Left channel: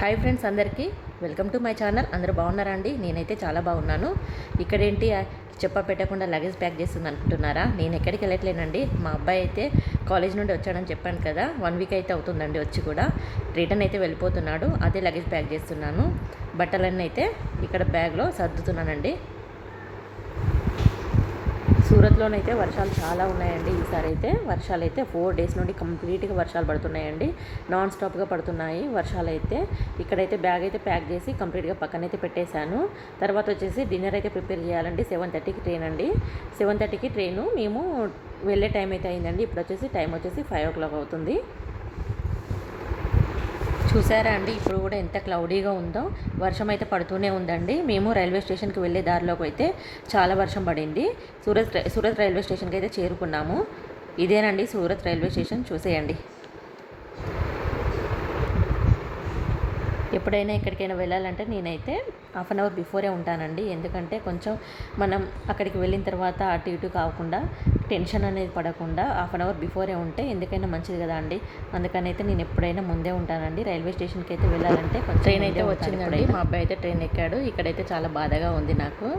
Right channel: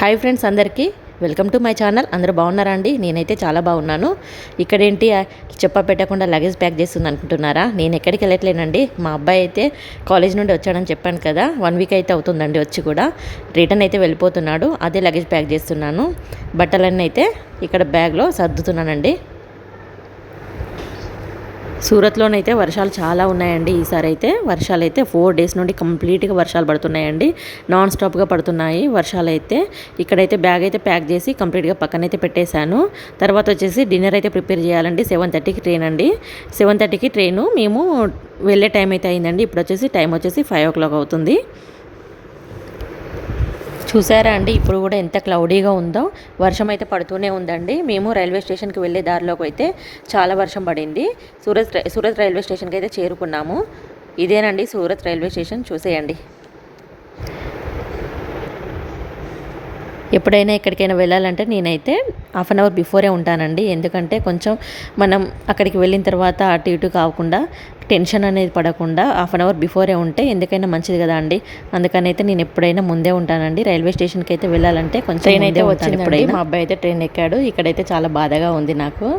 Hi friends, అందరికీ welcome to my channel. అందరూ బాగున్నారా అండి? నేనైతే చాలా బాగున్నాను. ఇక్కడేంటి చెప్ప పెట్టకుండా లగేజ్ ప్యాక్ చేస్తుంది అనుకుంటున్నారా? నేను ఎక్కడికి వెళ్ళట్లేనండి. మా అబ్బాయి అయితే కాలేజ్ నుండి వచ్చాడని చెప్పాను కదా, 1 వీక్ అయితే అవుతుందండి వచ్చి కూడా. రిటర్న్ అయితే వెళ్ళిపోతున్నాడు. అదే లగేజ్ ప్యాక్ చేస్తున్నాను. బట్టలన్నీ అయితే ఇక్కడ బ్యాగ్లో సర్దుతున్నానండి. సూరత్లోనైతే వర్షాలు చాలా ఉన్నాయండి. ఈసారి అయితే వర్షాలు అయితే 4 డేస్ నుండి కంప్లీట్గా వర్షాలు పడుతున్నాయండి. నాన్ స్టాప్గా పడుతున్నాయి వర్షాలు అయితే. ఇక్కడైతే బ్యాగ్ అయితే ప్యాక్ చేసి కంప్లీట్గా పక్కనైతే పెట్టేశాను. తర్వాత వచ్చేసి డిన్నర్ అయితే ప్రిపేర్ చేయాలండి. 7:30కి ట్రైన్ అండి. 7:30కి ట్రైను. మేము వెళ్ళే టైం అయితే అయిందండి. ఇప్పుడు వచ్చేసి టైం వచ్చేసి 5 o'clock అవుతుంది. చూసారా అండి, ఇప్పుడు కూడా ఎంత క్లౌడీగా ఉందో. వర్షం అయితే పడుతూనే ఉందండి. మేము రైల్వే స్టేషన్కి వెళ్ళే దారిలోకి అయితే చాలా వర్షం పడింది. సూరత్ రైల్వే స్టేషన్కి అయితే చేరుకున్నాము. ఇదేనండి సూరత్ రైల్వే స్టేషన్, చూసేయండి. ఎప్పుడైనా ఎక్కడికైనా వెళ్ళాలంటే నేనైతే హాఫ్ అన్ అవర్ బిఫోరే ఉంటానండి. ఎందుకంటే కొంచెం మనం అక్కడికి వెళ్ళిన తర్వాత అటు ఇటు కాకుండా టెన్షన్ అనేది పడకుండా హాఫ్ అన్ అవర్ బిఫోరే ఉంటే ఎందుకైనా మంచిది కదా అండి. అందుకనైతే నేను ఎప్పుడైనా ముందే ఉంటానండి. రైల్వే స్టేషన్కి అయితే వెళ్ళాలంటే కొంచెం ట్రైన్ అయితే వచ్చిందండి. మా అబ్బాయి అయితే ట్రైన్ ఎక్కాడు. ఇక్కడైతే చాలా బాధగా ఉంది నాకు.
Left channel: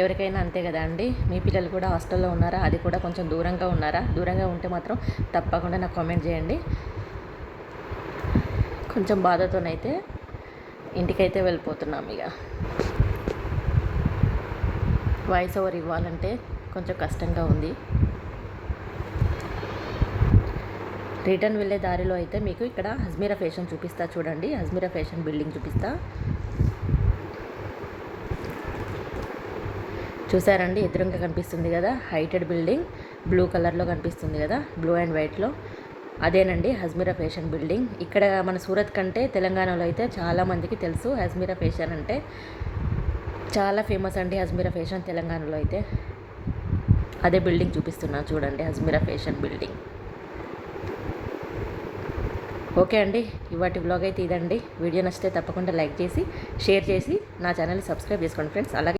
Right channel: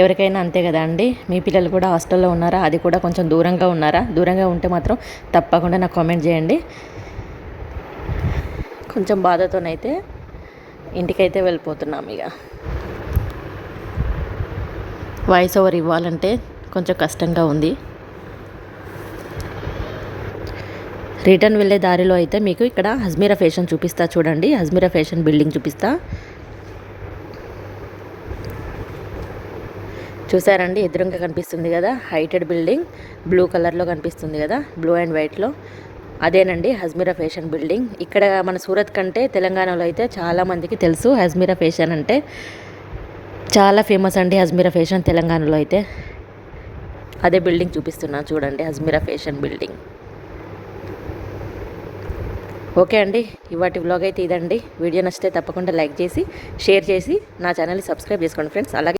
ఎవరికైనా అంతే కదా అండి. మీ పిల్లలు కూడా హాస్టల్లో ఉన్నారా? అది కూడా కొంచెం దూరంగా ఉన్నారా? దూరంగా ఉంటే మాత్రం తప్పకుండా నాకు కామెంట్ చేయండి. కొంచెం బాధతోనైతే ఇంటికైతే వెళ్ళిపోతున్నాం. ఇక వాయిస్ ఓవర్ ఇవ్వాలంటే కొంచెం కష్టంగా ఉంది. రిటర్న్ వెళ్ళే దారిలో అయితే మీకు ఇక్కడ హజ్మీరా ఫ్యాషన్ చూపిస్తా చూడండి. హజ్మీరా ఫ్యాషన్ బిల్డింగ్ చూపిస్తా. చూసారండి, ఎదురుగా కనిపిస్తుంది కదా హైటెడ్ బిల్డింగ్. బ్లూ కలర్లో కనిపిస్తుంది కదా, బ్లూ అండ్ వైట్లో. అదేనండి హజ్మీరా ఫ్యాషన్ బిల్డింగ్. ఇక్కడ మన సూరత్ కంటే తెలంగాణలో అయితే చాలామందికి తెలుసు హజ్మీరా ఫ్యాషన్ అంటే. చాలా ఫేమస్ అండి హజ్మీరా ఫ్యాషన్ తెలంగాణలో అయితే. అదే బిల్డింగ్ చూపిస్తున్నాను చూడండి, హజ్మీరా ఫ్యాషన్ బిల్డింగ్. ఓకే అండి, ఇవాటి వ్లాగ్ అయితే ఇదండి. వీడియో నచ్చితే తప్పకుండా లైక్ చేసి షేర్ చేసి నా ఛానల్ని సబ్స్క్రైబ్ చేసుకోండి ఫ్రెండ్స్. అలాగే